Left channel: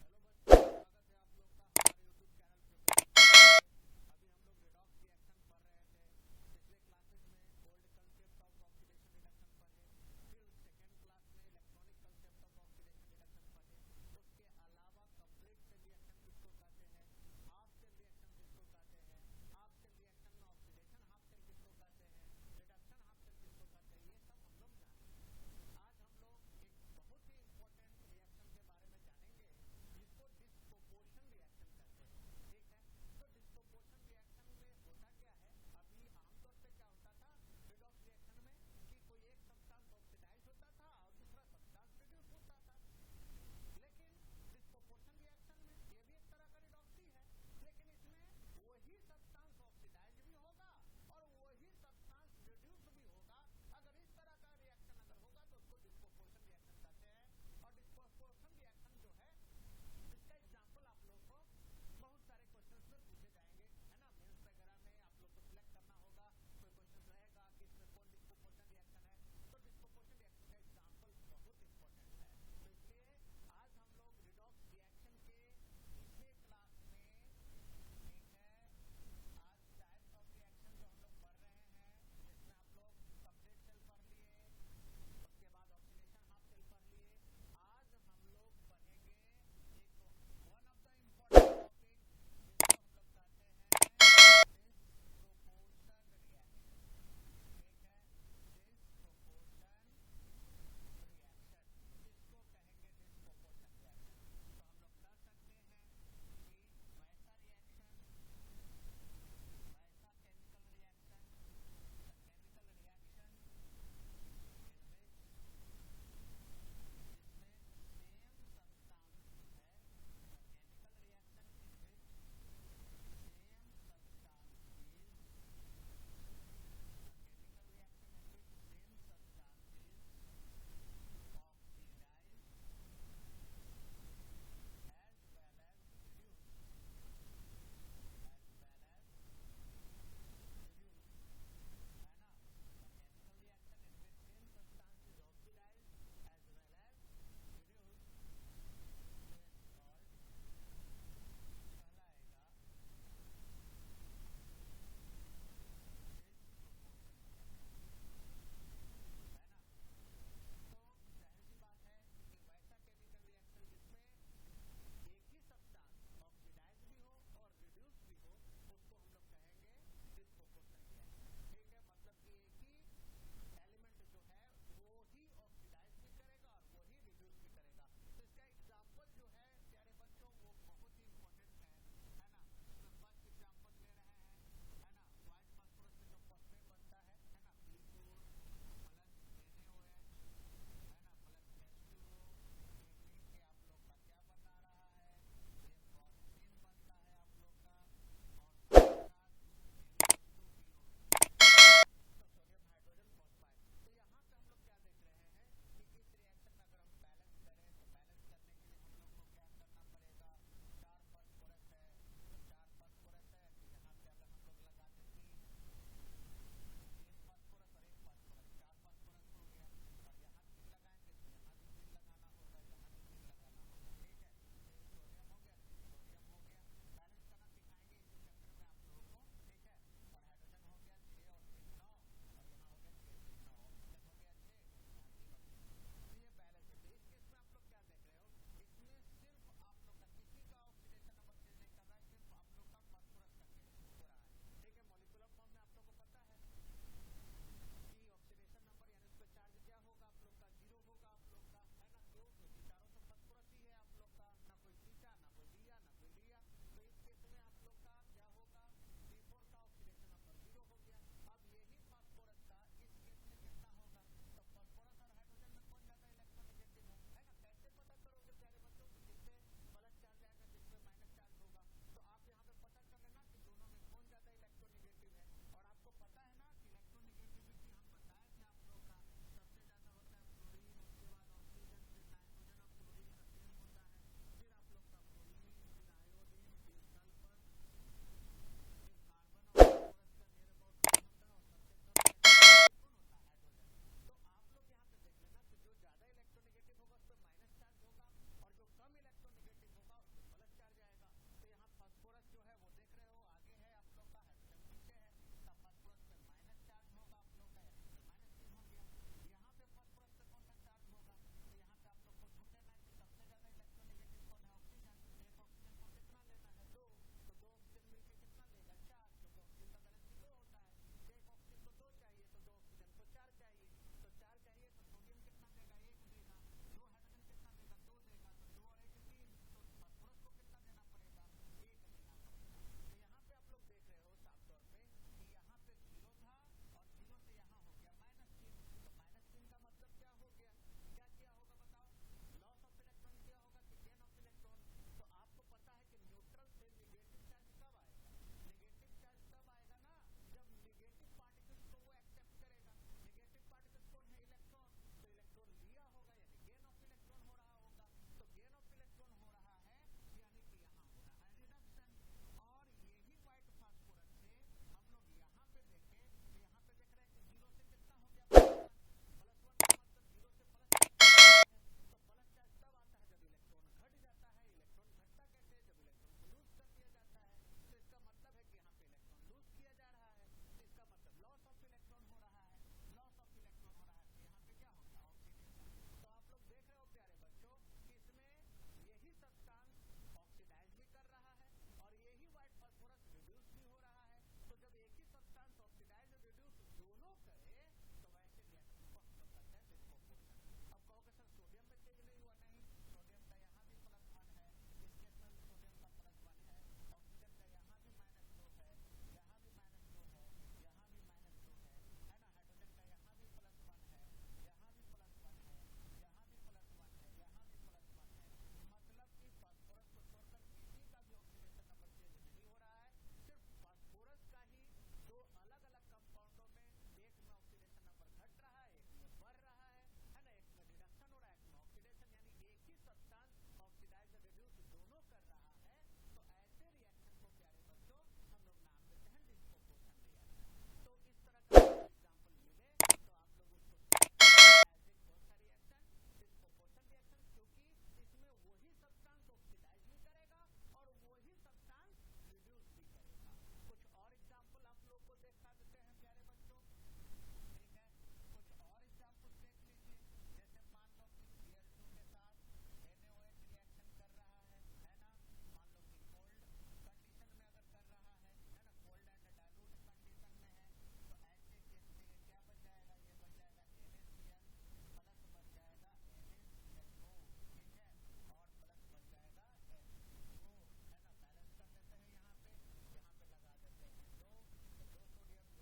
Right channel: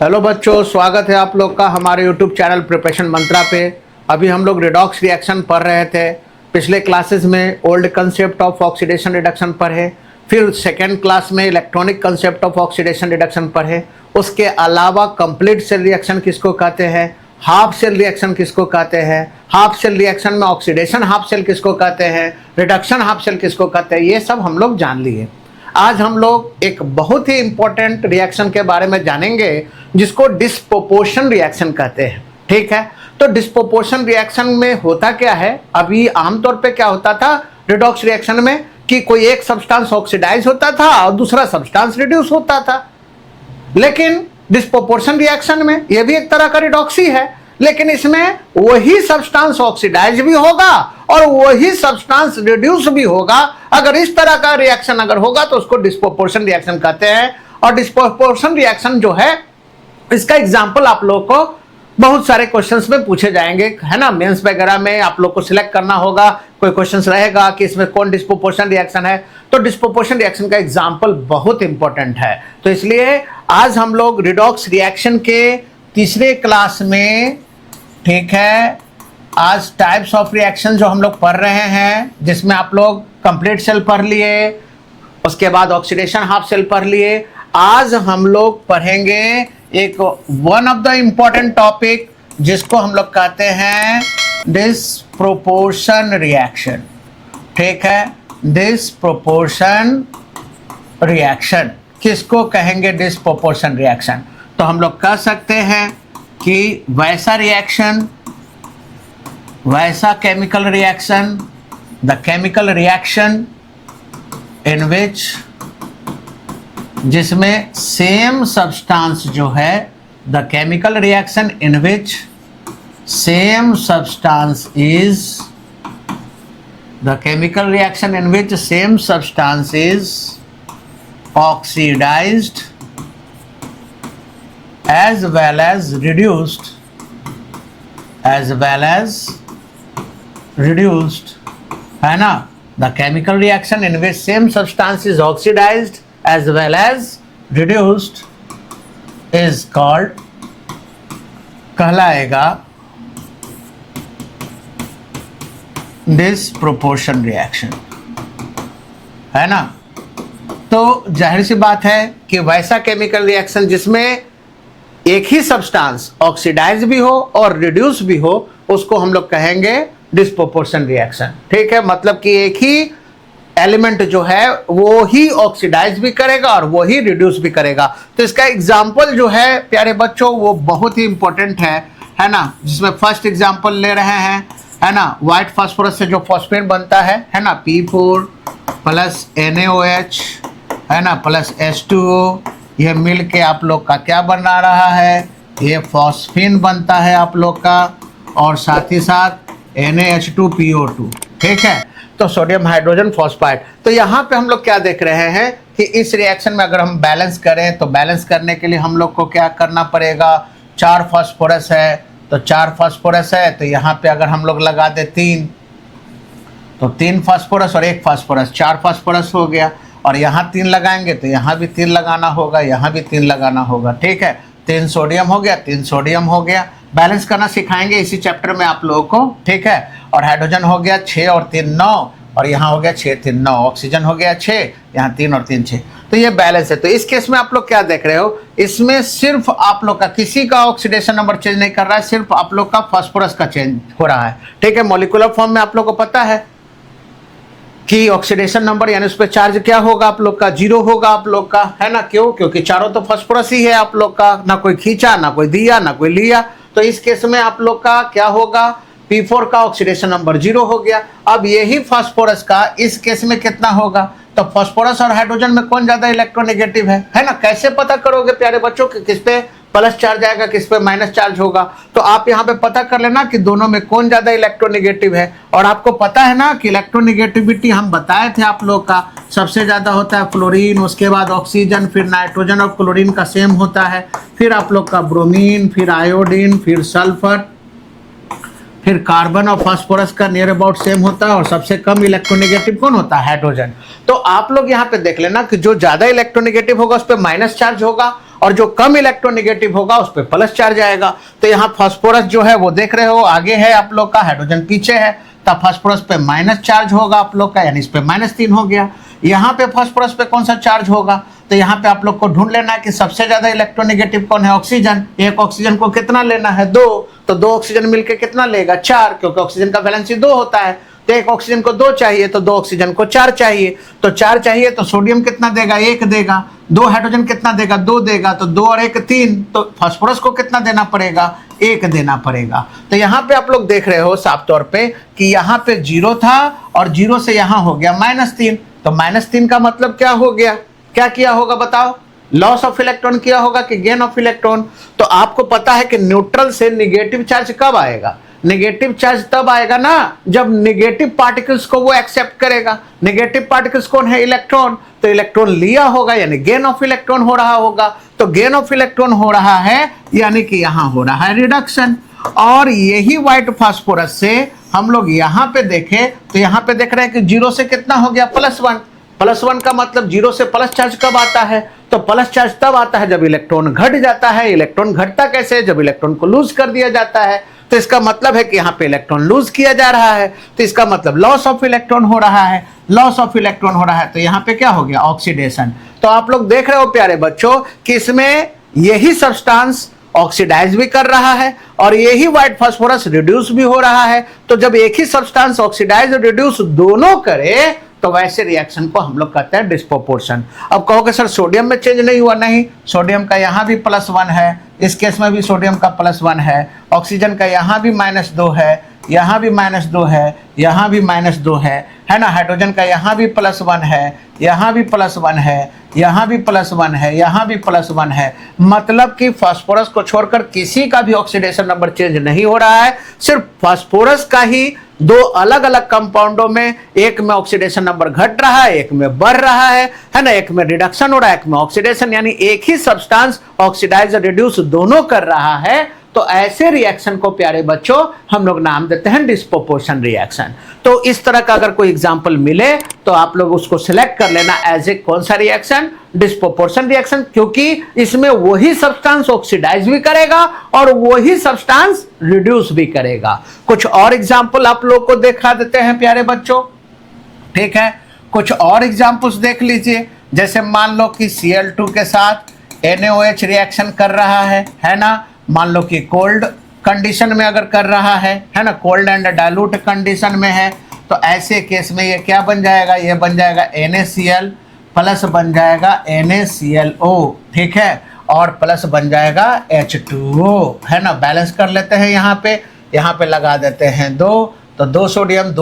Hello बच्चों, स्वागत है आप लोग का हमारे यूट्यूब चैनल प्रिपरेशन मंत्रा पे। अभी हम लोग रिडॉक्स रिएक्शन पढ़ रहे थे। पिछले क्लासेस में old concept of oxidation reduction पढ़े, फिर सेकेंड क्लास में electronic concept of oxidation reduction पढ़े। उसके अलावा कंप्लीट सेल रिएक्शन किसको कहते हैं, हाफ सेल रिएक्शन किसको कहते हैं, हाफ सेल रिएक्शन में ऑक्सीडेशन हाफ सेल किसको कहते हैं, रिडक्शन हाफ सेल किसको कहते हैं, ये सब हम लोग जान लिए। आज हम लोग एक बहुत ही इंपॉर्टेंट रिएक्शन के बारे में जानेंगे जिसको डिस्प्रोपोर्शन रिएक्शन कहते हैं। ठीक है, तो डिस्प्रोपोर्शन रिएक्शन में होता क्या है, अभी आमतौर पे क्या होता था रिडॉक्स रिएक्शन में कि कोई एक सब्सटेंस ऑक्सीडाइज होता था और दूसरा सब्सटेंस रिड्यूस होता था। लेकिन डिस्प्रोपोर्शन रिएक्शन में यह भी एक तरह का रिडॉक्स ही है, लेकिन इसमें वही सब्सटेंस ऑक्सीडाइज भी होगा और वही सब्सटेंस रिड्यूस भी होगा। अगर इस तरह का रिएक्शन अगर होगा तो उसको डिस्प्रोपोर्शन रिएक्शन कहते हैं। और डिस्प्रोपोर्शन रिएक्शन जो है, इसका एग्जांपल आप लोगों को बहुत सारे क्वेश्चंस में पूछे जाएंगे, है ना। मेंस वगैरह में आप लोग को सिलेक्ट करना होगा, कोई क्वेश्चंस रहेगा कि इसमें कौन डिस्प्रोपोर्शन रिएक्शन है, तो डिस्प्रोपोर्शन रिएक्शन का एग्जांपल बहुत इंपॉर्टेंट है। तो इसलिए आज हम लोग रिडॉक्स रिएक्शन के तीसरे क्लास में, ठीक है, आज टाइप्स ऑफ रिएक्शन जो हम लोग पढ़ रहे हैं, जिसमें आप लोग कंप्लीट सेल पढ़ लिए, उसके बाद ऑक्सीडेशन हाफ सेल पढ़ लिए। आज हम लोग पढ़ेंगे एक one of the important topic जिसको हम लोग कहते हैं डिस्प्रोपोर्शन रिएक्शन। ठीक है, डिस्प्रोपोर्शन रिएक्शन किसको कहेंगे, डिस्प्रोपोर्शन रिएक्शन। तो हम लोग कह सकते हैं कि वैसा रिएक्शन, वैसा chemical reaction, the chemical reaction in which, जिसमें सेम सब्सटेंस जो है, the chemical reaction in which same substance is, the chemical reaction in which same substance is oxidised as well as reduced, as well as reduced, है ना। The chemical reaction in which same substance is oxidized as well as reduced is called, कहलाएगा disproportion reaction, है ना। तो जाहिर सी बात है कि वैसा केमिकल रिएक्शन जिसमें एक ही सब्सटेंस ऑक्सीडाइज भी हो और रिड्यूस भी हो, उसको हम लोग कहेंगे डिस्प्रोपोर्शन रिएक्शन। ठीक है, मतलब कि एक ही एलिमेंट जो है वो ही ऑक्सीडाइज भी करेगा और वो ही रिड्यूस भी करेगा। तो इसका एग्जांपल जो है प्यारे बच्चों वो बहुत ही इंपॉर्टेंट है ना। जिसमें फर्स्ट एग्जांपल ले रहे हैं, है ना, व्हाइट फास्फोरस से जो फॉस्फेट बनता है ना, P4 प्लस NaOH, है ना, प्लस H2O, ये मिल के आप लोग का क्या बना रहा है, ये फॉस्फीन बनता है आप लोग का, और साथ ही साथ NaH2PO2। ठीक है, तो सोडियम हाइड्रोजन फॉस्फाइड। तो यहाँ पे हम लोग क्या देख रहे हैं कि इस रिएक्शन में अगर हम बैलेंस करें तो बैलेंस करने के लिए हम लोग को क्या करना पड़ेगा, 4 फास्फोरस है तो 4 फास्फोरस है, तो यहाँ पे अगर हम लोग लगा दे 3, तो 3 फास्फोरस और 1 फास्फोरस, 4 फास्फोरस हो गया। और यहाँ 3 लगाएंगे तो यहाँ भी 3 लगाना होगा, यहाँ भी 3 लगाना होगा। ठीक है, 3 सोडियम हो गया, 3 सोडियम हो गया। बैलेंस करना सिखाएंगे इसी चैप्टर में आप लोगों को। ठीक है, और हाइड्रोजन हो गया 6 और 3 9, और यहाँ हो गया 6 3 9, ऑक्सीजन हो गया 6, यहाँ 3 और 3 6। तो ये बैलेंस है। तो इस केस में आप लोग क्या देख रहे हो, इसमें सिर्फ आप लोग का किसी का ऑक्सीडेशन नंबर चेंज नहीं कर रहा है, सिर्फ आप लोग का फास्फोरस का चेंज हो रहा है। ठीक है, मॉलिक्यूलर फॉर्म में आप लोग को पता है कि ऑक्सीडेशन नंबर यानी उस पर चार्ज क्या होगा आप लोग का, 0 होगा आप लोग का, है ना। क्यों, क्योंकि चारों तो फास्फोरस ही है आप लोग का, ना कोई खींचा, ना कोई दिया, ना कोई लिया। तो इस केस में आप लोग का क्या होगा, P4 का ऑक्सीडेशन नंबर 0 हो गया। अब यही फास्फोरस का इस केस में कितना होगा, तो फास्फोरस और हाइड्रोजन में कौन ज्यादा इलेक्ट्रोनेगेटिव है ना। कैसे पता करोगे प्यारे बच्चों कि किस पे प्लस चार्ज आएगा, किस पे माइनस चार्ज होगा। तो आप यहाँ पे पता कर लेना कि दोनों में कौन ज्यादा इलेक्ट्रोनेगेटिव है। और आपको पता है ना कि इलेक्ट्रोनेगेटिविटी हम बताए थे आप लोग का, सबसे ज्यादा होता है फ्लोरीन, उसके बाद ऑक्सीजन, फिर नाइट्रोजन और क्लोरीन का सेम होता है, फिर आप लोग का ब्रोमीन, फिर आयोडीन, फिर सल्फर, फिर कार्बन और फास्फोरस का नियर अबाउट सेम होता है और सबसे कम इलेक्ट्रोनेगेटिव कौन होता है? हाइड्रोजन। तो आप लोग यहाँ पे देख लेना कि जो ज्यादा इलेक्ट्रोनेगेटिव होगा उस पर माइनस चार्ज होगा और जो कम इलेक्ट्रोनेगेटिव होगा उस पर प्लस चार्ज आएगा। तो यहाँ फास्फोरस जो है वो देख रहे हो आगे है आप लोग का, हाइड्रोजन पीछे है, तब फास्फोरस पे माइनस चार्ज होगा आप लोग का, यानी इस पे -3 हो गया। यहाँ पे फास्फोरस पे कौन सा चार्ज होगा, तो यहाँ पे आप लोग को ढूंढ लेना है कि सबसे ज्यादा इलेक्ट्रोनेगेटिव कौन है, ऑक्सीजन। एक ऑक्सीजन को कितना लेना है, 2, तो 2 ऑक्सीजन मिलकर कितना लेगा, 4, क्योंकि ऑक्सीजन का वैलेंसी 2 होता है। तो एक ऑक्सीजन को 2 चाहिए तो 2 ऑक्सीजन को 4 चाहिए, तो 4 चाहिए तो सोडियम कितना देगा, 1 देगा। 2 हाइड्रोजन कितना देगा, 2 देगा, तो 2 और 1 3, तो फास्फोरस को कितना देना पड़ेगा, 1 देना पड़ेगा। तो यहाँ पे आप लोग देख रहे हो साफ तौर पे कि यहाँ पे 0 था और 0 से यहाँ हो गया -3, तो -3 का मतलब क्या हो गया, क्या किया होगा बताओ, लॉस ऑफ इलेक्ट्रॉन किया होगा कि गेन ऑफ इलेक्ट्रॉन। तो आपको पता है कि न्यूट्रल से निगेटिव चार्ज कब आएगा, नेगेटिव चार्ज तब आएगा ना जब नेगेटिव पार्टिकल्स को वो एक्सेप्ट करेगा। नेगेटिव पार्टिकल्स कौन है, इलेक्ट्रॉन, तो इलेक्ट्रॉन लिया होगा यानी गेन ऑफ इलेक्ट्रॉन हो रहा होगा। तो गेन ऑफ इलेक्ट्रॉन हो रहा है यानी कि यहाँ हो रहा है रिडक्शन। और यही व्हाइट फास्फोरस से हम लोग यहाँ पे देखें तो यहाँ पे देख रहे हैं कि 0 से कितना हो गया, +1। +1 का मतलब 0 से प्लस चार्ज कब आता है, तो प्लस चार्ज तब आता है जब इलेक्ट्रॉन घट जाता है। इलेक्ट्रॉन घटता कैसे, जब इलेक्ट्रॉन को लूज कर दिया जाता है। तो इसका मतलब है कि यहाँ पे इलेक्ट्रॉन लूज किया जा रहा है, तो इसका मतलब लॉस ऑफ इलेक्ट्रॉन हो रहा है, लॉस ऑफ इलेक्ट्रॉन हो रहा है। तो यहाँ पे क्या हो गया, ऑक्सीडेशन। तो आप लोग देख रहे हो प्यारे बच्चों कि इसमें यही सब्सटेंस ऑक्सीडाइज भी कर रहा है और यही व्हाइट फास्फोरस रिड्यूस भी हो रहा है। तो जब एक ही सब्सटेंस ऑक्सीडाइज और रिड्यूस दोनों करे तो वैसे रिएक्शन को हम लोग कहते हैं डिस्प्रोपोर्शन। अब कहोगे सर सोडियम में चेंज नहीं हुआ, नहीं, सोडियम का यहाँ भी +1 है, इस केस में भी सोडियम का +1 है, ऑक्सीजन का यहाँ भी -2 है, यहाँ भी -2 है, यहाँ भी -2 है ना। हाइड्रोजन का यहाँ भी +1 है, यहाँ भी +1 है, यहाँ भी +1 है, यहाँ भी +1 है। मतलब कि फास्फोरस को छोड़कर किसी का भी ऑक्सीडेशन नंबर चेंज नहीं हो रहा है, सिर्फ फास्फोरस का ही 2 अलग अलग कंपाउंडों में, एक में ऑक्सीडेशन नंबर घट रहा है, एक में बढ़ रहा है ना, एक में रिडक्शन हो रहा है, एक में ऑक्सीडेशन, यानी एक ही सब्सटेंस ऑक्सीडाइज और रिड्यूस दोनों कर रहा है। तो ऐसे रिएक्शन को प्यारे बच्चों हम लोग नाम देते हैं डिस्प्रोपोर्शन रिएक्शन। तो इस तरह का अगर कोई एग्जांपल मिले तो आप लोग उसको सिलेक्ट कर लेना एज ए कौन सा रिएक्शन, डिस्प्रोपोर्शन रिएक्शन, क्योंकि इसमें वही सब्सटेंस ऑक्सीडाइज भी करेगा और वही सब्सटेंस रिड्यूस भी करेगा। कुछ और एग्जांपल आप लोग को दिखा देते हैं प्यारे बच्चों, ठीक है। कुछ और एग्जांपल्स देख लीजिए, जैसे मान लो कि Cl2 के साथ NaOH रिएक्शन कर रहा है ना। मान लो कि कोल्ड कंडीशन में अगर कर रहा है ना, कोल्ड एंड डाइल्यूट कंडीशन में है, तो ऐसे केस में ये क्या बन जाएगा, ये बन जाएगा NaCl प्लस बन जाएगा NaClO, ठीक है, और प्लस बन जाएगा H2O, है ना। बैलेंस कर लेते हैं, यहाँ पे लगा देते हैं 2, तो 2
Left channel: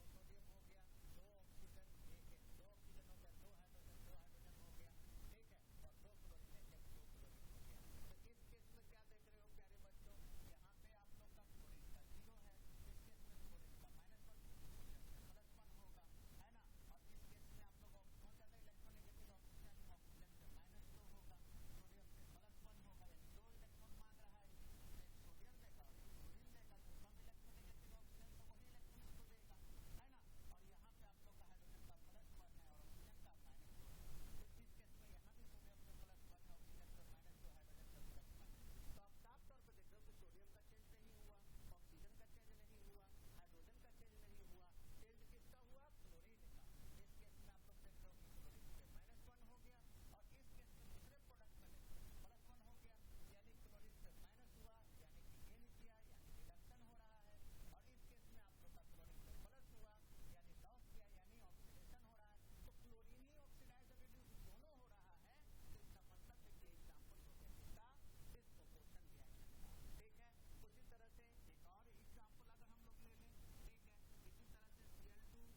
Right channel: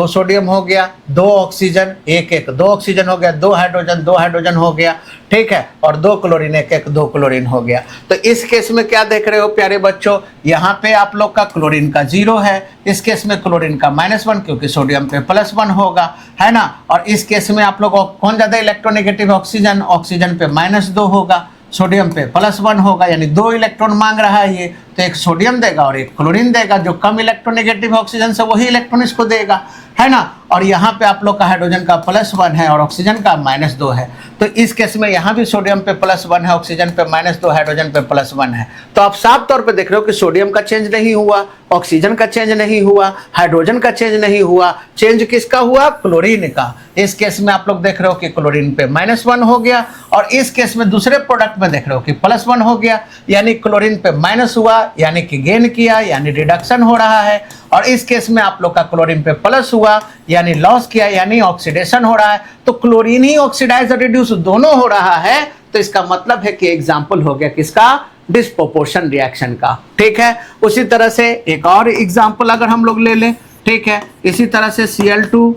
सोडियम हो गया, 2 ऑक्सीजन, 1 2 ऑक्सीजन हो गया, 2 हाइड्रोजन हो गया, ठीक है, और 2 क्लोरीन 1 2 क्लोरीन हो गया। तो इस केस में क्या देख रहे हो प्यारे बच्चों, यहाँ पे आप लोग का क्लोरीन का 0 है, इस केस में क्लोरीन का -1 क्योंकि सोडियम पे +1 होगा, है ना। और इस केस में आप लोग कौन ज्यादा इलेक्ट्रोनेगेटिव, ऑक्सीजन पे -2 होगा, सोडियम पे +1 होगा, यानी 2 इलेक्ट्रॉन मांग रहा है ये, तो एक सोडियम देगा और एक क्लोरीन देगा। जो कम इलेक्ट्रोनेगेटिव ऑक्सीजन से वही इलेक्ट्रॉन इसको देगा, है ना। और यहाँ पे आप लोग का हाइड्रोजन का +1 है और ऑक्सीजन का -2 है, तो इस केस में यहाँ भी सोडियम पे +1 है, ऑक्सीजन पे -2, हाइड्रोजन पे +1 है। तो आप साफ तौर पे देख रहे हो कि सोडियम का चेंज नहीं हुआ, ऑक्सीजन का चेंज नहीं हुआ, हाइड्रोजन का चेंज नहीं हुआ, चेंज किसका हुआ, क्लोरीन का। इस केस में आप लोग देख रहे हो कि क्लोरीन पे -1 हो गया, और इस केस में दूसरे प्रोडक्ट में देख रहे हो कि +1 हो गया, यानी क्लोरीन पे माइनस हुआ, यानी कि गेन किया, यानी रिडक्शन हो रहा है। और इस केस में आप लोग का क्लोरीन पे प्लस हुआ, यानी लॉस किया, यानी ऑक्सीडेशन हो रहा है। तो क्लोरीन ही ऑक्सीडाइज और रिड्यूस दोनों हो रहा है, तो इसका मतलब है कि एग्जाम्पल हो गया किसका, डिस्प्रोपोर्शन रिएक्शन का, ठीक है। उसी तरह से एक और एग्जाम्पल अगर हम लोग ले लें, ठीक है, इसी तरह से Cl2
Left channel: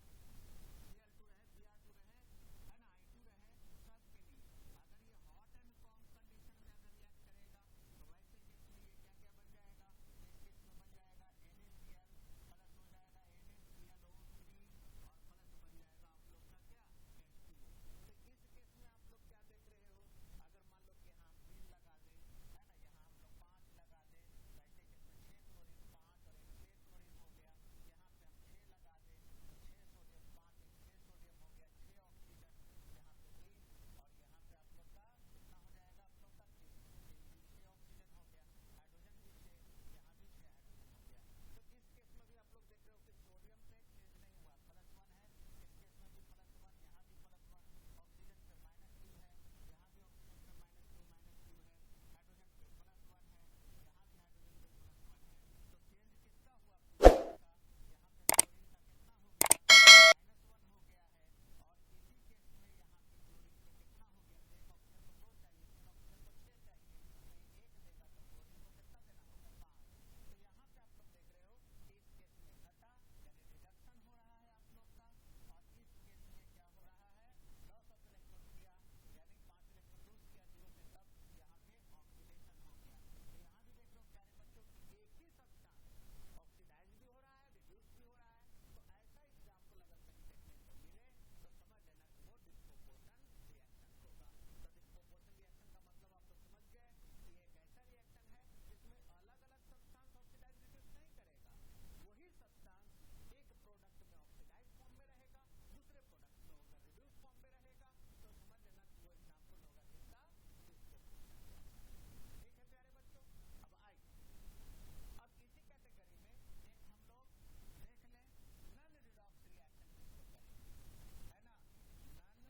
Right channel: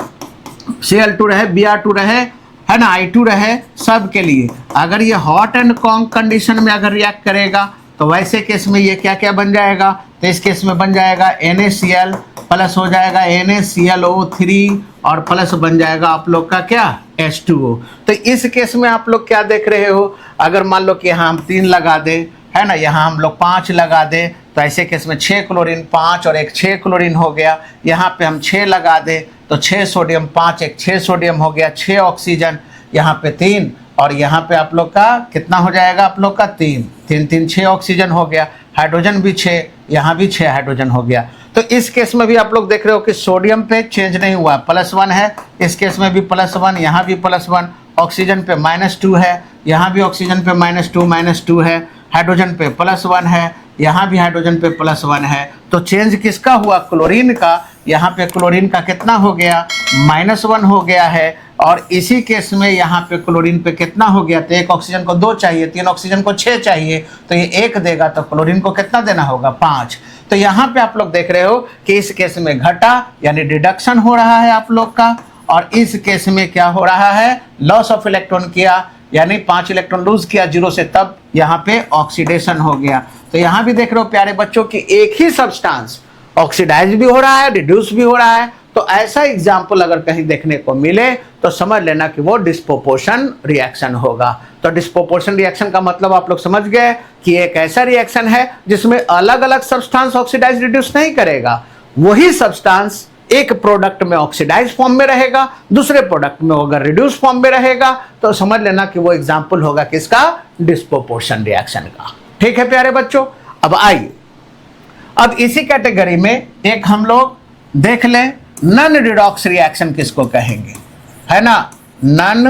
रहे, Br2 रहे, है ना, I2 रहे, सब के लिए अगर ये हॉट एंड कॉन्ग कंडीशन में अगर रिएक्ट करेगा तो वैसे केस में ये क्या क्या बन जाएगा, तो इस केस में बन जाएगा NaCl प्लस हो जाएगा NaClO3 और प्लस बन जाएगा आप लोग का क्या, H2O। तो इस केस में आप लोग क्या देख रहे हो, अगर मान लो कि यहाँ हम 3 लगा दें, है ना, यहाँ हम लोग 5 लगा दें, तो ऐसे केस में 6 क्लोरीन 5 और 1 6 क्लोरीन हो गया। यहाँ पे हम 6 लगा दें तो 6 सोडियम 5 1 6 सोडियम हो गया, 6 ऑक्सीजन, यहाँ पे 3 और यहाँ पे आप लोग का कितना हो जाएगा, आप लोग का 3 3 3 6 ऑक्सीजन हो गया, हाइड्रोजन भी 6, यहाँ भी 6 हाइड्रोजन हो गया। तो इस केस में भी आप लोग देख रहे हो कि सोडियम पे चेंज नहीं हुआ, +1 है, इस केस में भी +1, यहाँ भी +1, ऑक्सीजन पे -2 है, यहाँ भी ऑक्सीजन पे -2 है, हाइड्रोजन पे +1 है, यहाँ भी हाइड्रोजन पे +1 है। तो चेंज किसका हुआ, क्लोरीन का। यहाँ पे क्लोरीन का कितना हो गया, -1 हो गया है। और इसी केस में यहाँ पे क्लोरीन पे कितना हो गया, तो एक ऑक्सीजन को 2 चाहिए, 3 ऑक्सीजन को 6 चाहिए, तो ये 1 देगा, तो क्लोरीन को कितना देना होगा, 5। तो यहाँ पे आप लोग देख रहे हो कि इस केस में घटा यानी डिडक्शन हो रहा है आप लोग का, और इस केस में क्या हो रहा है, लॉस ऑफ इलेक्ट्रॉन किया, यानी 5 इलेक्ट्रॉन लूज किया 0 से, तब यहाँ पे ऑक्सीडेशन हो गया। तो यहाँ भी देख रहे हो प्यारे बच्चों की एक ही सब्सटेंस ऑक्सीडाइज भी हो रहा है, रिड्यूस भी हो रहा है। तो ऐसा एग्जाम्पल अगर कहीं देखने को मिले तो समझ लेना कि वो डिस्प्रोपोर्शन रिएक्शन होगा। तो डिस्प्रोपोर्शन रिएक्शन का मतलब आप लोग समझ गए कि एक ऐसा रिएक्शन है जिसमें अलग अलग सब्सटेंस ऑक्सीडाइज रिड्यूस नहीं करेगा, वही सब्सटेंस एक प्रोडक्ट में ऑक्सीडाइज फॉर्म में रहेगा, दूसरे प्रोडक्ट में अगर रिड्यूस फॉर्म में रहेगा, तो समझ लेना कि वो एग्जाम्पल होगा किसका, डिस्प्रोपोर्शन रिएक्शन का। ठीक है प्यारे बच्चों, अब आइए अब इसी कैटेगरी में एक हम लोग देख लें, नॉन रिडॉक्स रिएक्शन किसको कहेंगे, है ना। नॉन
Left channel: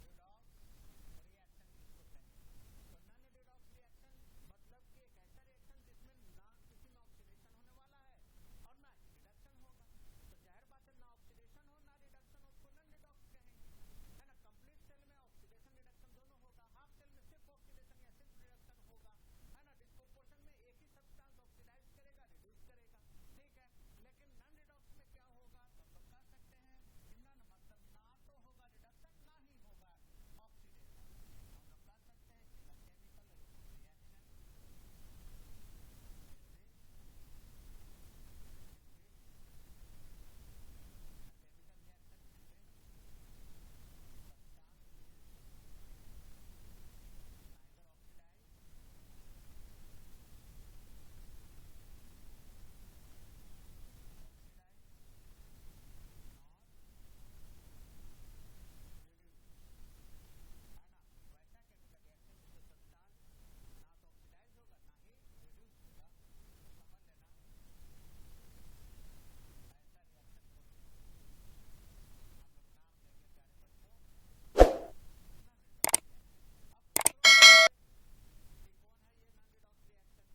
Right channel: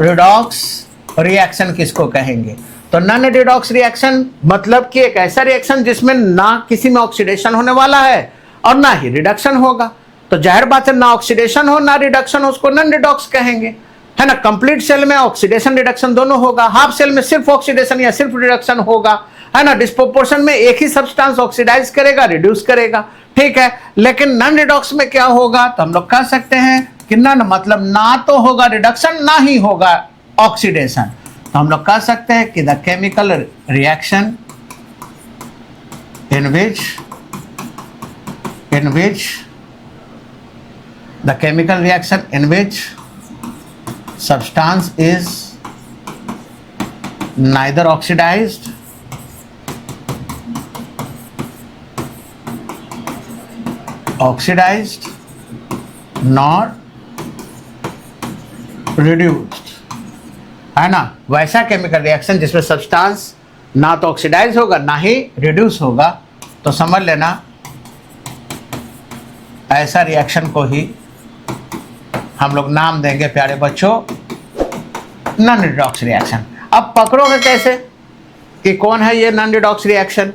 रिडॉक्स रिएक्शन किसको कहेंगे, तो नॉन रिडॉक्स रिएक्शन मतलब कि एक ऐसा रिएक्शन जिसमें ना किसी में ऑक्सीडेशन होने वाला है और ना ही रिडक्शन होगा। तो जाहिर बात है, ना ऑक्सीडेशन हो ना रिडक्शन हो, उसको नॉन रिडॉक्स कहेंगे, है ना। कंप्लीट सेल में ऑक्सीडेशन रिडक्शन दोनों होगा, हाफ सेल में सिर्फ ऑक्सीडेशन या सिर्फ रिडक्शन होगा, है ना। डिस्प्रोपोर्शन में एक ही सब्सटेंस ऑक्सीडाइज करेगा, रिड्यूस करेगा, ठीक है। लेकिन नॉन रिडॉक्स में क्या होगा, तो हम लोग कह सकते हैं कि नॉन मतलब ना तो होगा रिडक्शन ना ही होगा ऑक्सीडेशन। तो हम लोग कह सकते हैं कि the chemical reaction in which the chemical reaction in which substance is neither oxidized nor reduced, है ना। वैसा केमिकल रिएक्शन जिसमें सब्सटेंस ना तो ऑक्सीडाइज होगा ना ही रिड्यूस होगा, तो समझ लेना ऐसा रिएक्शन को ही हम लोग नाम देंगे प्यारे बच्चों नॉन रिडॉक्स रिएक्शन। अब पकड़ोगे कैसे कि कौन है ये नॉन रिडॉक्स रिएक्शन,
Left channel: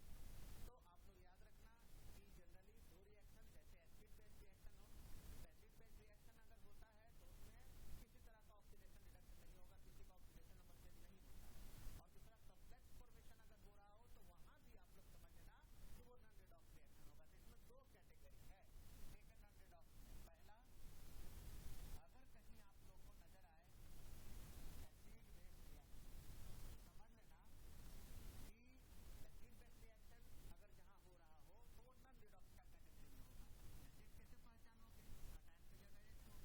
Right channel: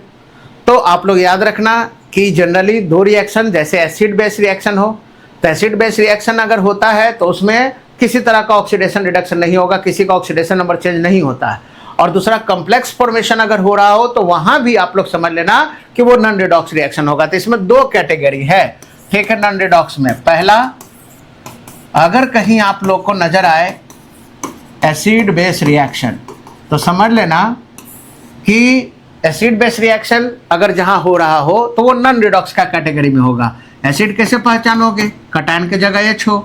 तो आप लोग याद रखना कि जनरली 2 रिएक्शन, जैसे एसिड बेस रिएक्शन हो, तो एसिड बेस रिएक्शन अगर होता है तो उसमें किसी तरह का ऑक्सीडेशन रिडक्शन नहीं होगा, किसी का ऑक्सीडेशन नंबर चेंज नहीं होता है। और दूसरा कॉम्प्लेक्स फॉर्मेशन अगर हो रहा हो तो वहां भी आप लोग समझ लेना कि वो नॉन रिडॉक्स रिएक्शन होगा। तो इसमें 2 कैटेगरी है, ठीक है। नॉन रिडॉक्स में पहला, अगर कहीं आप लोग को नजर आए एसिड बेस रिएक्शन, तो समझ लेना कि एसिड बेस रिएक्शन अगर जहां हो रहा हो तो वो नॉन रिडॉक्स का कैटेगरी में होगा। एसिड कैसे पहचानोगे, कटायन के जगह H हो,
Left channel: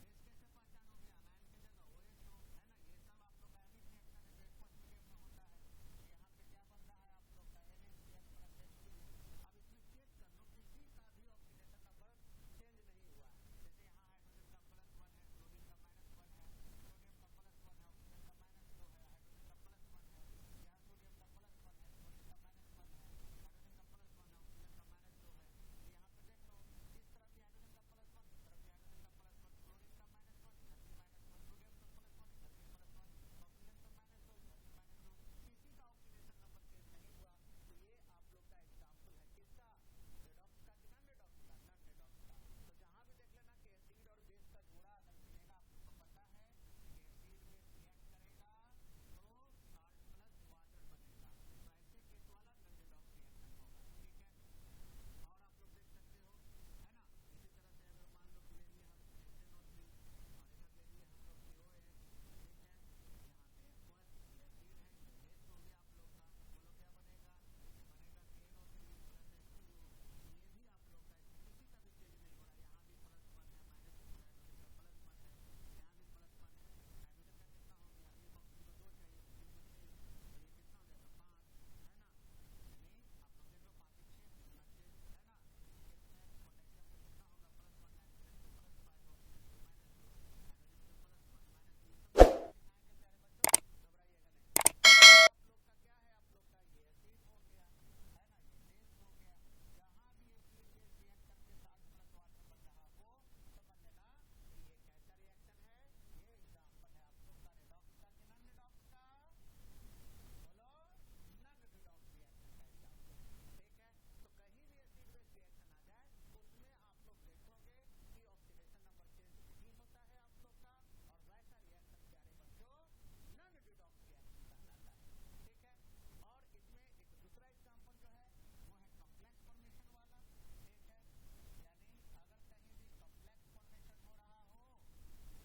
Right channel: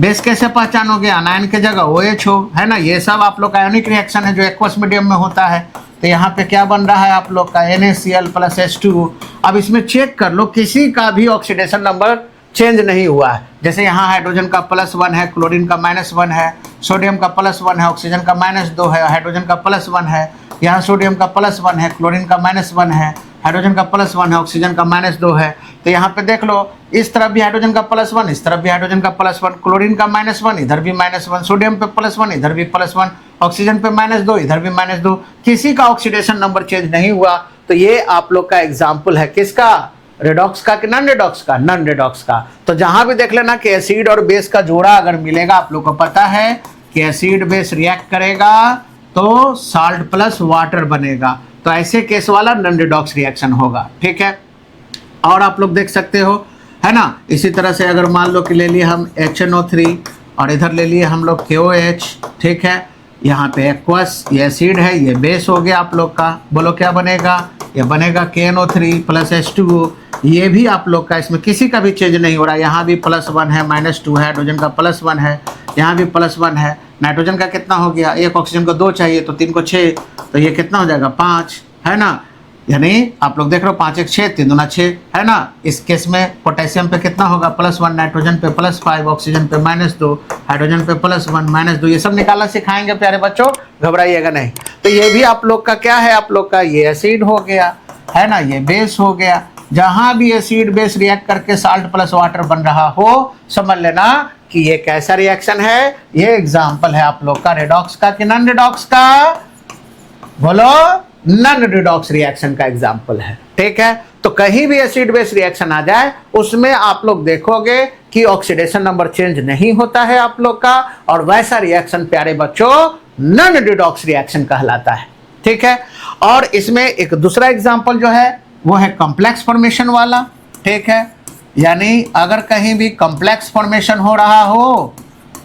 बेस कैसे पहचानोगे, अनायन के जगह OH हो, है ना। ये सब आप लोग का आयोनिक रिएक्शन है जो एक्वस मीडियम में होता है। तो यहाँ पे क्या बन रहा है आप लोग का NaCl + H2। अब इसमें चेक कर लो किसी का भी ऑक्सीडेशन नंबर चेंज नहीं हुआ है। जैसे यहाँ हाइड्रोजन का +1 है, क्लोरीन का -1 है, सोडियम का +1 है, ऑक्सीजन का -2 है, हाइड्रोजन का +1 है, यहाँ सोडियम का +1 है, क्लोरीन का -1 है, हाइड्रोजन का +1 है, ऑक्सीजन का -2 है। तो यहाँ पे देख लो, इस तरफ भी हाइड्रोजन का +1, इस तरफ भी हाइड्रोजन का +1, क्लोरीन का -1, इधर भी -1, सोडियम पे +1, इधर भी +1, ऑक्सीजन पे -2, इधर भी -2, किसी का ऑक्सीडेशन नंबर चेंज नहीं हुआ। तो ये आप लोग का एग्जाम्पल है किसका, रिडॉक्स का कि नॉन रिडॉक्स का, नॉन रिडॉक्स का। तो जहां भी देख लेना कि एसिड और बेस का जोड़ा अगर मिलेगा, आप लोग को पता है कि एसिड बेस रिएक्ट करेगा तो साल्ट प्लस वाटर बनेगा, तो ऐसे केस वाला नॉन रिडॉक्स रिएक्शन होगा, ठीक है। और आप लोग देख सकते हो, है ना। इसी तरह से अगर मान लो कि ले लिए हम HNO3 और इधर ले लिए हम लोग KOH, ठीक है। यहाँ पे एक्वस, ये एसिड है, ये बेस हो गया आप लोग का, बोलो क्या बनेगा, ये बनेगा KNO3 + H2O। ये भी आप लोग का, इसमें किसी का भी चेंज नहीं हो रहा। यहाँ भी +1 है, -2 है, हाइड्रोजन का +1 है, यहाँ भी +1 है। नाइट्रोजन का कितना हो गया, एक ऑक्सीजन को 2 चाहिए तो 3 को 6, तो ये कितना हो जाएगा 5, है ना। यानी आप लोग देख रहे हो 5 1 6 3 2 6 है ना। इस केस में पोटेशियम पे कितना होगा +1, नाइट्रोजन पे +5, ऑक्सीजन पे -2, हाइड्रोजन पे +1 -2, ये सब निकालना सिखाएंगे प्यारे बच्चों, घबराइएगा नहीं। तो ये भी आप लोग का क्या है, आप लोग का ये एसिड हो गया है ना, ये बेस हो गया। जहां भी एसिड बेस रिएक्ट करके साल्ट प्लस वाटर बन रहा हो, समझ लेना कि ये कैसा रिएक्शन है। ये एग्जाम्पल है आप लोग का रेडॉक्स का कि नॉन रेडॉक्स का, बोलो नॉन रिडॉक्स रिएक्शन का एग्जाम्पल है। ठीक है, तो कहीं भी एसिड बेस रिएक्शन आ जाए उसमें आप लोग देखोगे कि ऑक्सीडेशन नंबर चेंज नहीं होता है आप लोग का, और वैसा रिएक्शन प्यारे बच्चों नॉन रिडॉक्स रिएक्शन कहलाता है। ठीक है, और इसमें एक दूसरा एग्जाम्पल जो है वो है कॉम्प्लेक्स फॉर्मेशन वाला। ठीक है, यानी अगर कहीं भी कॉम्प्लेक्स फॉर्मेशन हो रहा हो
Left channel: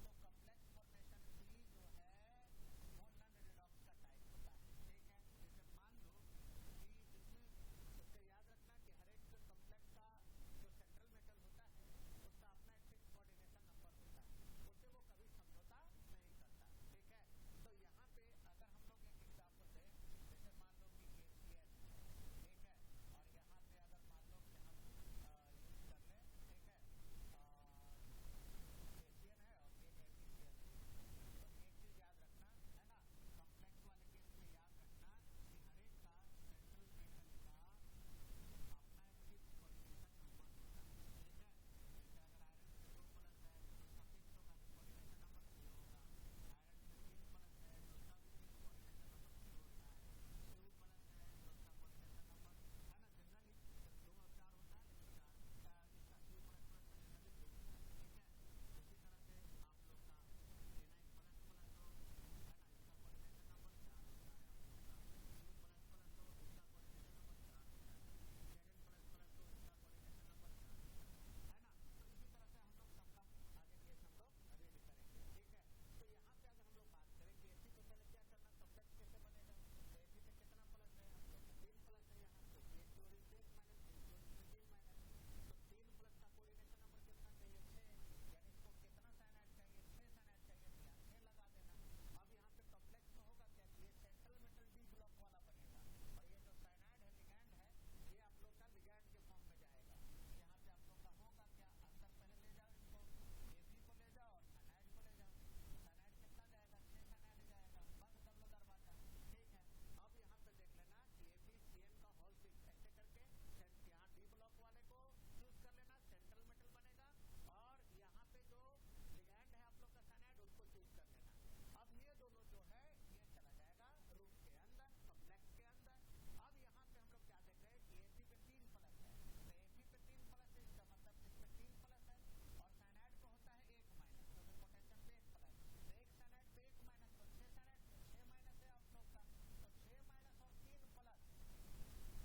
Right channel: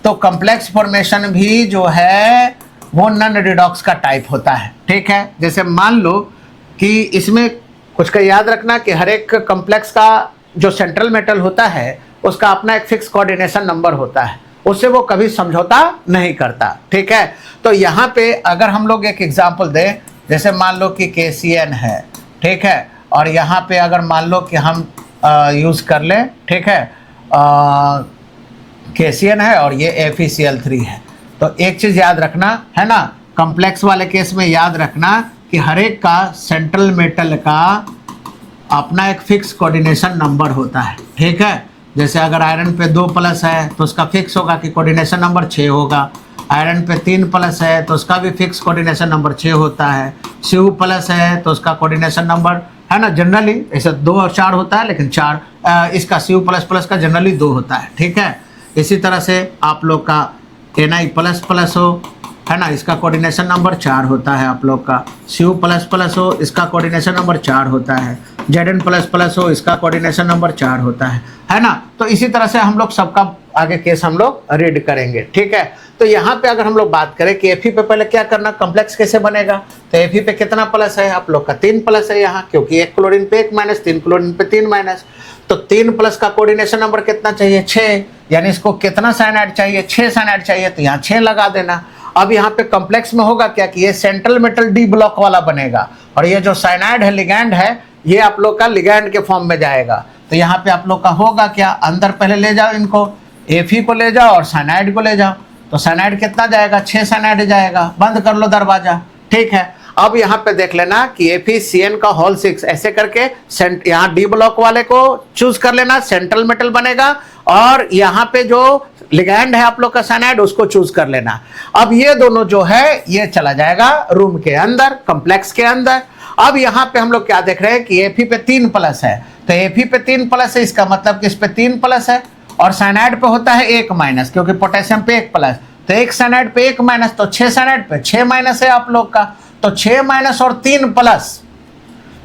तो कॉम्प्लेक्स फॉर्मेशन भी जो है वो नॉन रिडॉक्स का टाइप होता है। ठीक है, जैसे मान लो कि इसमें कुछ का याद रखना कि हर एक कॉम्प्लेक्स का जो सेंट्रल मेटल होता है उसका अपना एक फिक्स कोऑर्डिनेशन नंबर होता है, उससे वो कभी समझौता नहीं करता। ठीक है, तो यहाँ पे अगर हम लोग एक एग्जांपल दें, जैसे मान लो कि KCN है, ठीक है, और यहाँ पे अगर मान लो कि हम यूज़ कर लें, ठीक है, KCN है और ये FeCl3 है। तो एक चीज़ याद रखना है ना, कॉम्प्लेक्स वाले केस में याद रखना कि हर एक का सेंट्रल मेटल का अपना एक फिक्स कोऑर्डिनेशन नंबर होता है। ठीक है, जैसे अगर आयरन पे 2+ है तो उसका फिक्स होगा कि कोऑर्डिनेशन नंबर 6 होगा। आयरन पे 3+ है तो उसका भी फिक्स कोऑर्डिनेशन नंबर 6 होता है। Cu+ है तो उसका कोऑर्डिनेशन नंबर है ना, जनरली ऐसे 2 और 4 होता है, लेकिन 4 इसका Cu++ का जनरली 2 होता है। ठीक है, इसी तरह से आप लोग का Na++ हो, है ना, इसका कोऑर्डिनेशन नंबर 4 होता है आप लोग का। Cu++ हो, इसका कोऑर्डिनेशन नंबर 4 होता है। Zn++ हो, इसका कोऑर्डिनेशन नंबर 4 होता है ना। तो इसी तरह से हम लोग सबका आगे केस हम लोग रीड करेंगे। ठीक है, तो यहाँ पे अगर हम लोग बात करें कि Fe पे पहले क्या करना, कॉम्प्लेक्स कैसे बनेगा, तो Fe पे कितना प्लस है आप लोग का 3+ है यहाँ, क्योंकि 1 क्लोरीन पे 1 माइनस, 3 क्लोरीन पे 3 माइनस, तो 3+ का कोऑर्डिनेशन नंबर कितना चाहिए 6, यानी इसको कितना साइनाइड चाहिए 6 साइनाइड चाहिए, तो यहाँ 6 लगा देना। अब यहाँ पे कॉम्प्लेक्स में होगा क्या कि ये सेंट्रल मेटल डी ब्लॉक वाला बनेगा, और ये जो साइनाइड है लिगैंड है ये आप लोग का लिगैंड के फॉर्म में जाएगा। तो यहाँ पे आप लोग का होगा क्या, अंदर पहले ले जाओ इनको, Fe को ले जाओ और साइनाइड को ले जाओ, तो साइनाइड कितना जाएगा 6 साइनाइड जाएगा। बंद कर लो दरवाजा। ठीक है, अब यहाँ पे देख लेना कि FeCN का होल 6 ऐसे करके यहाँ डी ब्लॉक वाले को चूज कर लेना, सेंट्रल मेटल बनेगा, और यहाँ पे जो लिगैंड है आप लोग का साइनाइड उसको चूज कर लेना। अब ये दोनों जो है ये चला जाएगा रूम के अंदर, कॉम्प्लेक्स के अंदर। अब यहाँ पे हम लोग क्या देख रहे हैं कि Fe पे 3+ है, तो Fe पे 3+ है, इसका मतलब कि इस पे 3+ है, और साइनाइड पे होता है 1-, क्योंकि पोटेशियम पे 1+, तो 1 साइनाइड पे 1-, तो 6 साइनाइड पे 6- है आप लोग का, तो 6- और 3+,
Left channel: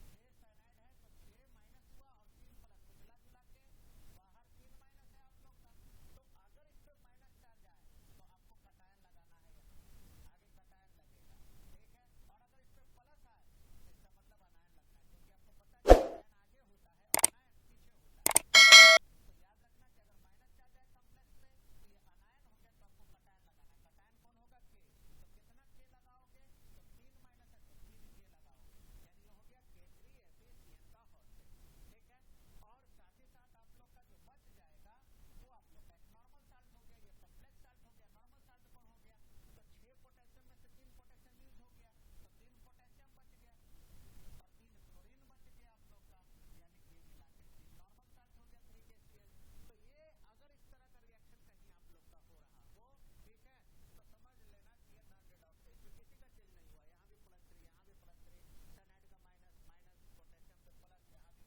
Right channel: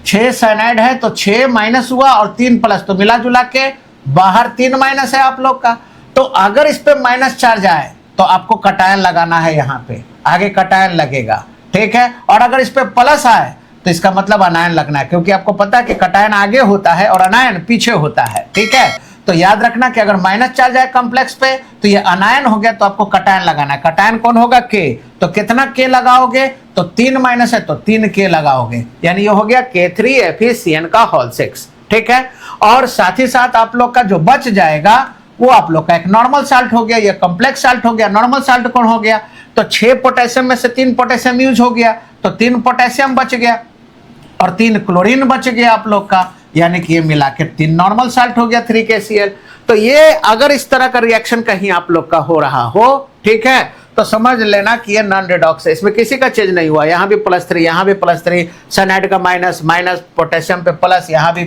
6 साइनाइड है तो 6- हुआ और 3+, तो मिला जुला के बाहर 3- है आप लोग का। तो अगर इस पे -4 जाए तो आपको कटायन लगाना है, यहाँ पे आगे कटायन लगेगा। ठीक है, और अगर इस पे प्लस आए तो इसका मतलब अनायन लगना है, क्योंकि आपको पता है कि कटायन आगे होता है और अनायन पीछे होता है। ठीक है, तो याद रखना कि अगर -4 जाए कॉम्प्लेक्स पे तो ये अनायन हो गया, तो आपको कटायन लगाना है। कटायन कौन होगा K, तो कितना K लगाओगे, तो 3- है तो 3K लगाओगे, यानी ये हो गया K3FeCN का होल 6। ठीक है, और साथ ही साथ आप लोग का जो बच जाएगा वो आप लोग का एक नॉर्मल साल्ट हो गया, या कॉम्प्लेक्स साल्ट हो गया। नॉर्मल साल्ट कौन हो गया, तो 6 पोटेशियम में से 3 पोटेशियम यूज हो गया, तो 3 पोटेशियम बच गया और 3 क्लोरीन बच गया आप लोग का, यानी कि ये मिला के 3 नॉर्मल साल्ट हो गया 3KCl। तो ये अगर इस तरह का रिएक्शन कहीं आप लोग का हो रहा हो, ठीक है, तो समझ लेना कि ये नॉन रिडॉक्स है, इसमें किसी का चेंज नहीं हुआ। यहाँ भी +3, यहाँ भी +3, साइनाइड का माइनस, पोटेशियम पे प्लस, यहाँ भी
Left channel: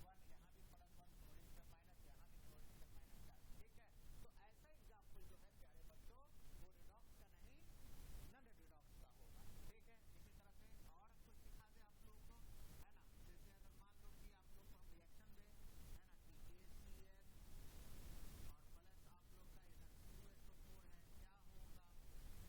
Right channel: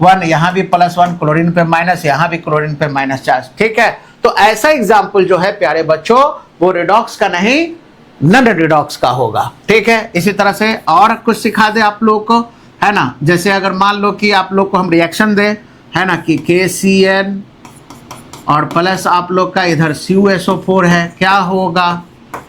+1, यहाँ भी +1, क्लोरीन पे माइनस, यहाँ भी क्लोरीन पे -4। ठीक है, तो ऐसा एग्जाम्पल जो है प्यारे बच्चों वो रिडॉक्स का नहीं नॉन रिडॉक्स का होगा। ठीक है, इसी तरह से और कुछ सिखा दे आप लोग को, है ना, जैसे अगर मान लो कि आप लोग को हम रिएक्शन दे, है ना, कि KCN और प्लस आप लोग का इधर CuSO4 है, क्या होगा,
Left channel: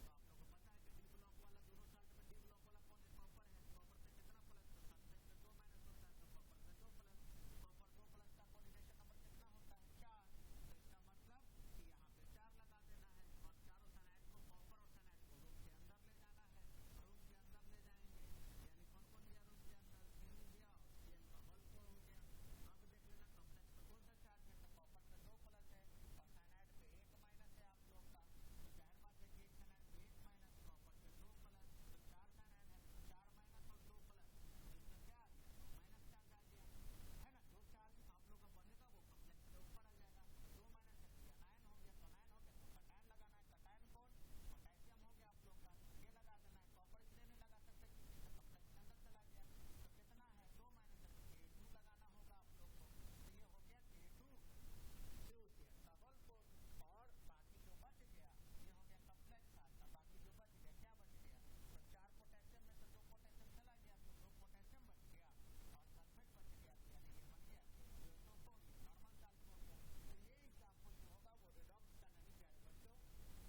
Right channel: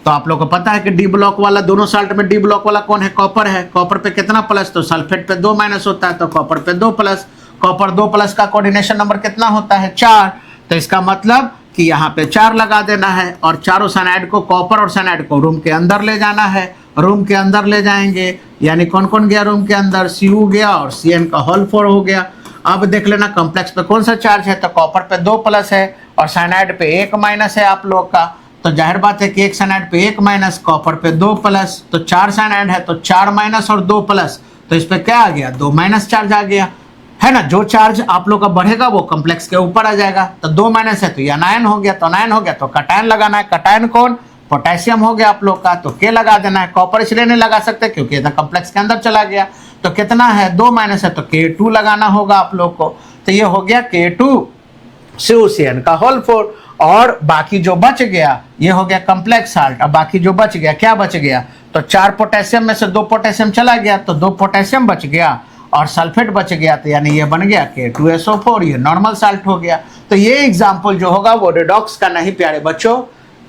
तो आप लोग को पता है कि डी ब्लॉक वाला, दोनों साल्ट में डी ब्लॉक वाला कौन है, कॉपर है। कॉपर पे कितना प्लस, तो सल्फेट पे 2- होता है, तो कॉपर पे 2+। कॉपर 2+ का कोऑर्डिनेशन नंबर कितना होता है 4, तो इसका मतलब कि यहाँ पे 4 लगा देना है, और चारों साइनाइड को, कॉपर और साइनाइड को रूम के अंदर ले जाना है, रूम के अंदर ले जाएंगे, यानी कौन कौन गया रूम के अंदर, Cu गया और Cn का होल 4 हो गया। अब देख लेना कॉम्प्लेक्स पे कौन सा चार्ज है, तो कॉपर पे 2 प्लस है और साइनाइड पे 1 माइनस है आप लोग का। तो जाहिर बात है कि एक साइनाइड पे 1 माइनस, कॉपर पे 2 प्लस, तो 4 साइनाइड है तो 4 माइनस और 2 प्लस, तो इस पे क्या आ गया, 2 माइनस चार्ज आ गया, है ना। जो चार्ज आप लोग का बढ़ेगा वो कॉम्प्लेक्स के ऊपर आ जाएगा। तो 2 माइनस है तो ये अनायन हो गया, तो अनायन हो गया तो कटायन लगाना है। कटायन कौन, पोटेशियम हो गया आप लोग का, तो के लगा देना है। कॉपर इसलिए नहीं लगा सकते क्योंकि ये कॉम्प्लेक्स के अंदर चला गया। तो कितना है, 2 माइनस है तो K2 लगाना होगा आप लोग को। तो ये हो गया K2 CuCN का होल 4। और बाकी जो बच गया ये हो गया कॉम्प्लेक्स साल्ट। अब बाकी जो बच गया, क्या बच गया, तो 4 पोटेशियम में से 2 पोटेशियम चला गया तो 2 पोटेशियम बच गया और सल्फेट बच गया, तो यानी ये बन गया K2SO4, ये नॉर्मल साल्ट हो गया। तो ये एग्जाम्पल जो होगा वो रिडॉक्स का नहीं प्यारे बच्चों,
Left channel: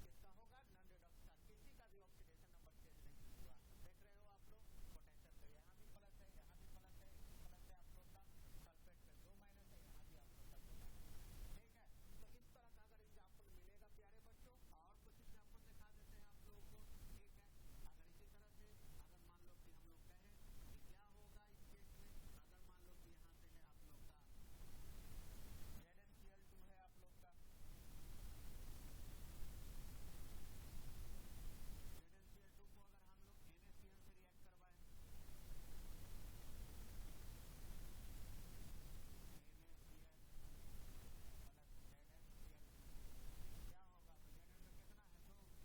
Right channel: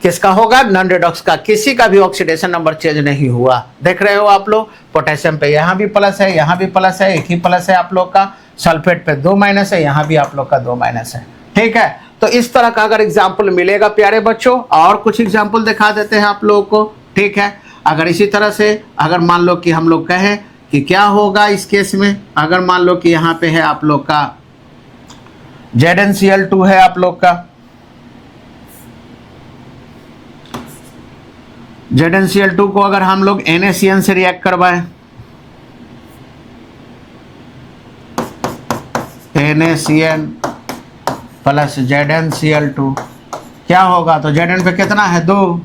किसका होगा, नॉन रिडॉक्स का। किसी का भी ऑक्सीडेशन नंबर चेंज नहीं हुआ। देख रहे हो आप लोग, पोटेशियम पे यहाँ भी प्लस है, यहाँ भी प्लस है, एक ही प्लस है आप लोग का। सल्फेट पे 2 माइनस है, यहाँ भी आप लोग का 2 माइनस है। ठीक है, तो इस तरह का अगर एग्जाम्पल मिलेगा प्यारे बच्चों, और कुछ एग्जाम्पल दिखा देते हैं आप लोगों को। ठीक है, अगर इसी तरह से अगर मान लो कि हम लोग कहें कि क्या होगा इस केस में, अगर मान लो कि यहाँ पे है आप लोग का ZnCl2 है आप लोग का, ZnCl2 को अगर हम लोग NaCN से रिएक्ट करवाएं, NaCN प्लस ZnCl2 क्या होगा, तो Zn पे कितना है, 2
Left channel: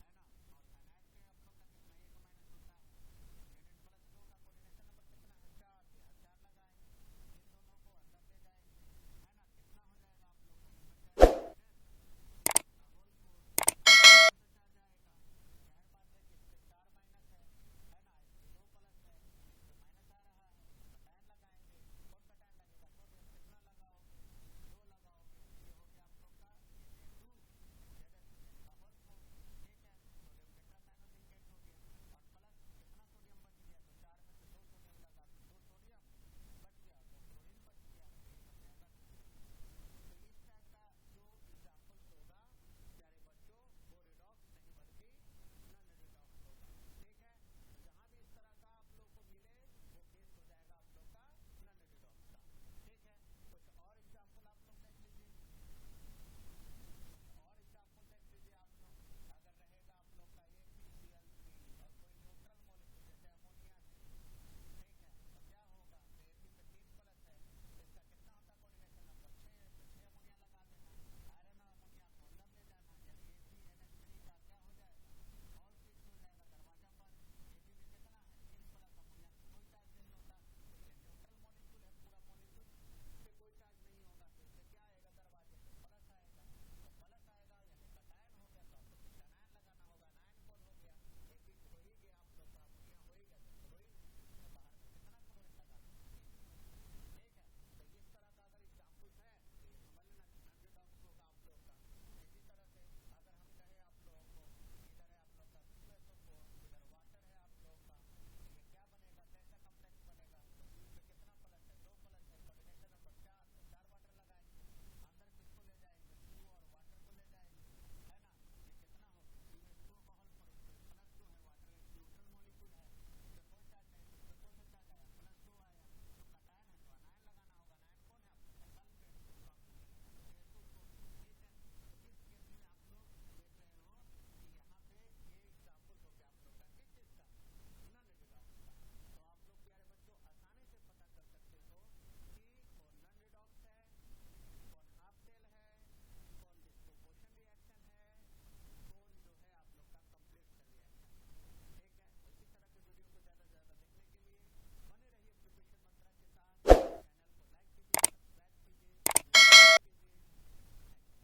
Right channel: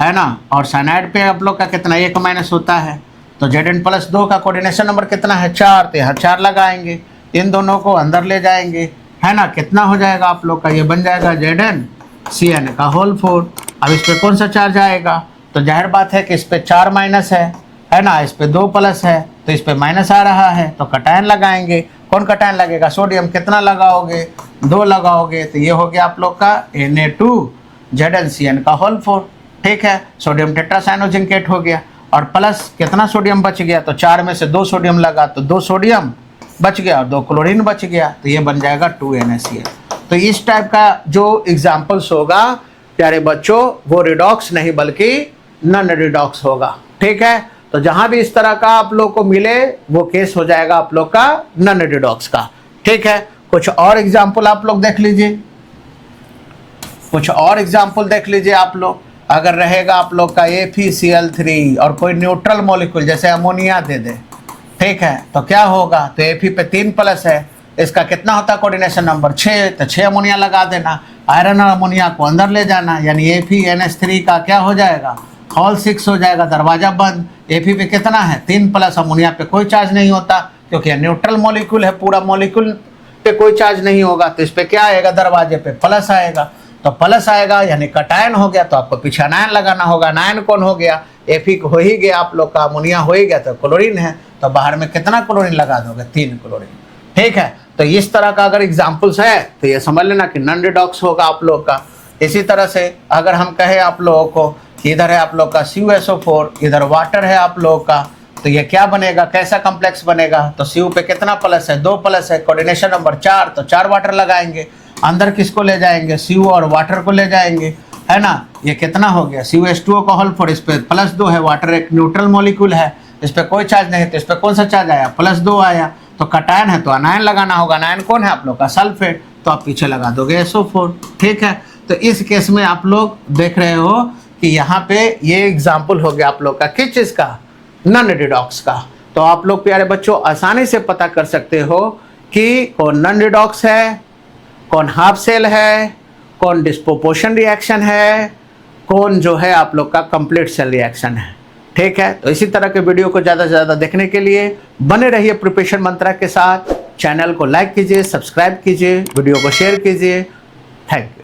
है ना, और साइनाइड पे आप लोग का कितना, 1 माइनस होता है। तो Zn प्लस 2 का कोऑर्डिनेशन नंबर कितना है, 4, तो यहाँ 4 लगाएंगे, इन दोनों को अंदर ले जाएंगे, है ना। कितना हो जाएगा आप लोग का, ये बन जाएगा ZnCN का होल 4। अब इस पे कौन सा चार्ज आएगा, तो जाहिर बात है कि इस पे 4 माइनस है ना, इस पे 2 प्लस है, तो इस पे माइनस आ रहा है, तो कटायन लगाएंगे। कौन कटायन लगेगा, सोडियम। कितना लगाओगे, 2 लगाओगे, तो ये हो गया आप लोग का Na2ZnCN का होल 4। ठीक है, सोडियम टेट्रासाइनोजिंकेट हो गया, और प्लस कितना सोडियम बच गया, तो 4 में से 2 सोडियम लगा तो 2 सोडियम बच गया और 2 क्लोरीन बच गया, तो ये बन जाएगा 2NaCl। तो इस टाइप का जो एग्जाम्पल्स होगा प्यारे बच्चों, वो रिडॉक्स नहीं बल्कि नॉन रिडॉक्स होगा। ठीक है, तो जहां भी इस तरह का आप लोग को मिले वो केस हो जाएगा आप लोग का नॉन रिडॉक्स का। ठीक है, कुछ और एग्जाम्पल आप लोग देख लीजिए, कुछ और एग्जाम्पल देख लीजिए आप लोग। अगर रहेगा आप लोग का FeCl3 और कोई न्यूट्रल मॉलिक्यूल जैसे अमोनिया दे दे, ठीक है, तो क्या होगा, तो Fe पे 3 प्लस है, इसका कितना होता है कोऑर्डिनेशन नंबर, 6, तो 6 अमोनिया लगा देना। आयरन और अमोनिया को अंदर ले जाना, यानी FeNH3 का क्या हो जाएगा, होल 6 हो जाएगा, दरवाजा बंद। Fe पे कितना है, 3 प्लस, अमोनिया पे कोई चार्ज नहीं होता क्योंकि न्यूट्रल मॉलिक्यूल है, पूरा मॉलिक्यूल पे कोई चार्ज नहीं होगा, तो इस पे क्या आएगा, दरवाजे पे प्लस आएगा। तो प्लस आएगा यानी कटायन हो गया, तो आपको पीछे अनायन लगाना होगा। अनायन कौन हो गया, Fe हो ही गया आप लोग का, अमोनिया हो ही गया, तो क्लोरीन है, तो बाहर में कितना क्लोरीन लगा दोगे, 3 क्लोरीन। ठीक है, तो इस तरह का अगर एग्जाम्पल्स है तो ये समझ लेना कि नॉन रिडॉक्स होगा आप लोग का। इसी तरह से अगर हम कहें आप लोगों को कि इधर है आप लोग का CuSO4, इधर वाटर है आप लोगों का, तो ये क्या बनेगा, कैसा कॉम्प्लेक्स बनेगा, तो Cu पे कितना प्लस है, 2 प्लस है, कोऑर्डिनेशन नंबर 4, तो 4 वाटर लगाएंगे। अंदर किसको ले जाएंगे, Cu और वाटर को ले जाएंगे, है ना। ये कितना हो गया, CuH2O का होल 4, इस पे प्लस 2 है, वाटर एक न्यूट्रल मॉलिक्यूल है, इस पे कोई चार्ज नहीं, तो इस पे कौन सा चार्ज आया, प्लस 2 आया। तो कटायन है तो अनायन लगाना होगा, अनायन कौन है आप लोग का, सल्फेट, तो आप पीछे लगा दोगे SO4। ठीक है, तो इस केस में आप लोग देख रहे हो कि यहाँ पे ये एग्जाम्पल हो गया आप लोग का किस चीज़ का, नॉन रिडॉक्स का। तो आप लोग प्यारे बच्चों आसानी से पता कर सकते हो कि कौन नॉन रिडॉक्स है, कौन हाफ सेल है, कौन डिस्प्रोपोर्शन रिएक्शन है, कौन जो है आप लोग का कंप्लीट सेल रिएक्शन है। ठीक है, तो इसी तरह के वीडियो को ज़्यादा से ज़्यादा देखने के लिए बने रहिए प्रिपरेशन मंत्रा के साथ। चैनल को लाइक कीजिए, सब्सक्राइब कीजिए, वीडियो को शेयर कीजिए। Thank you.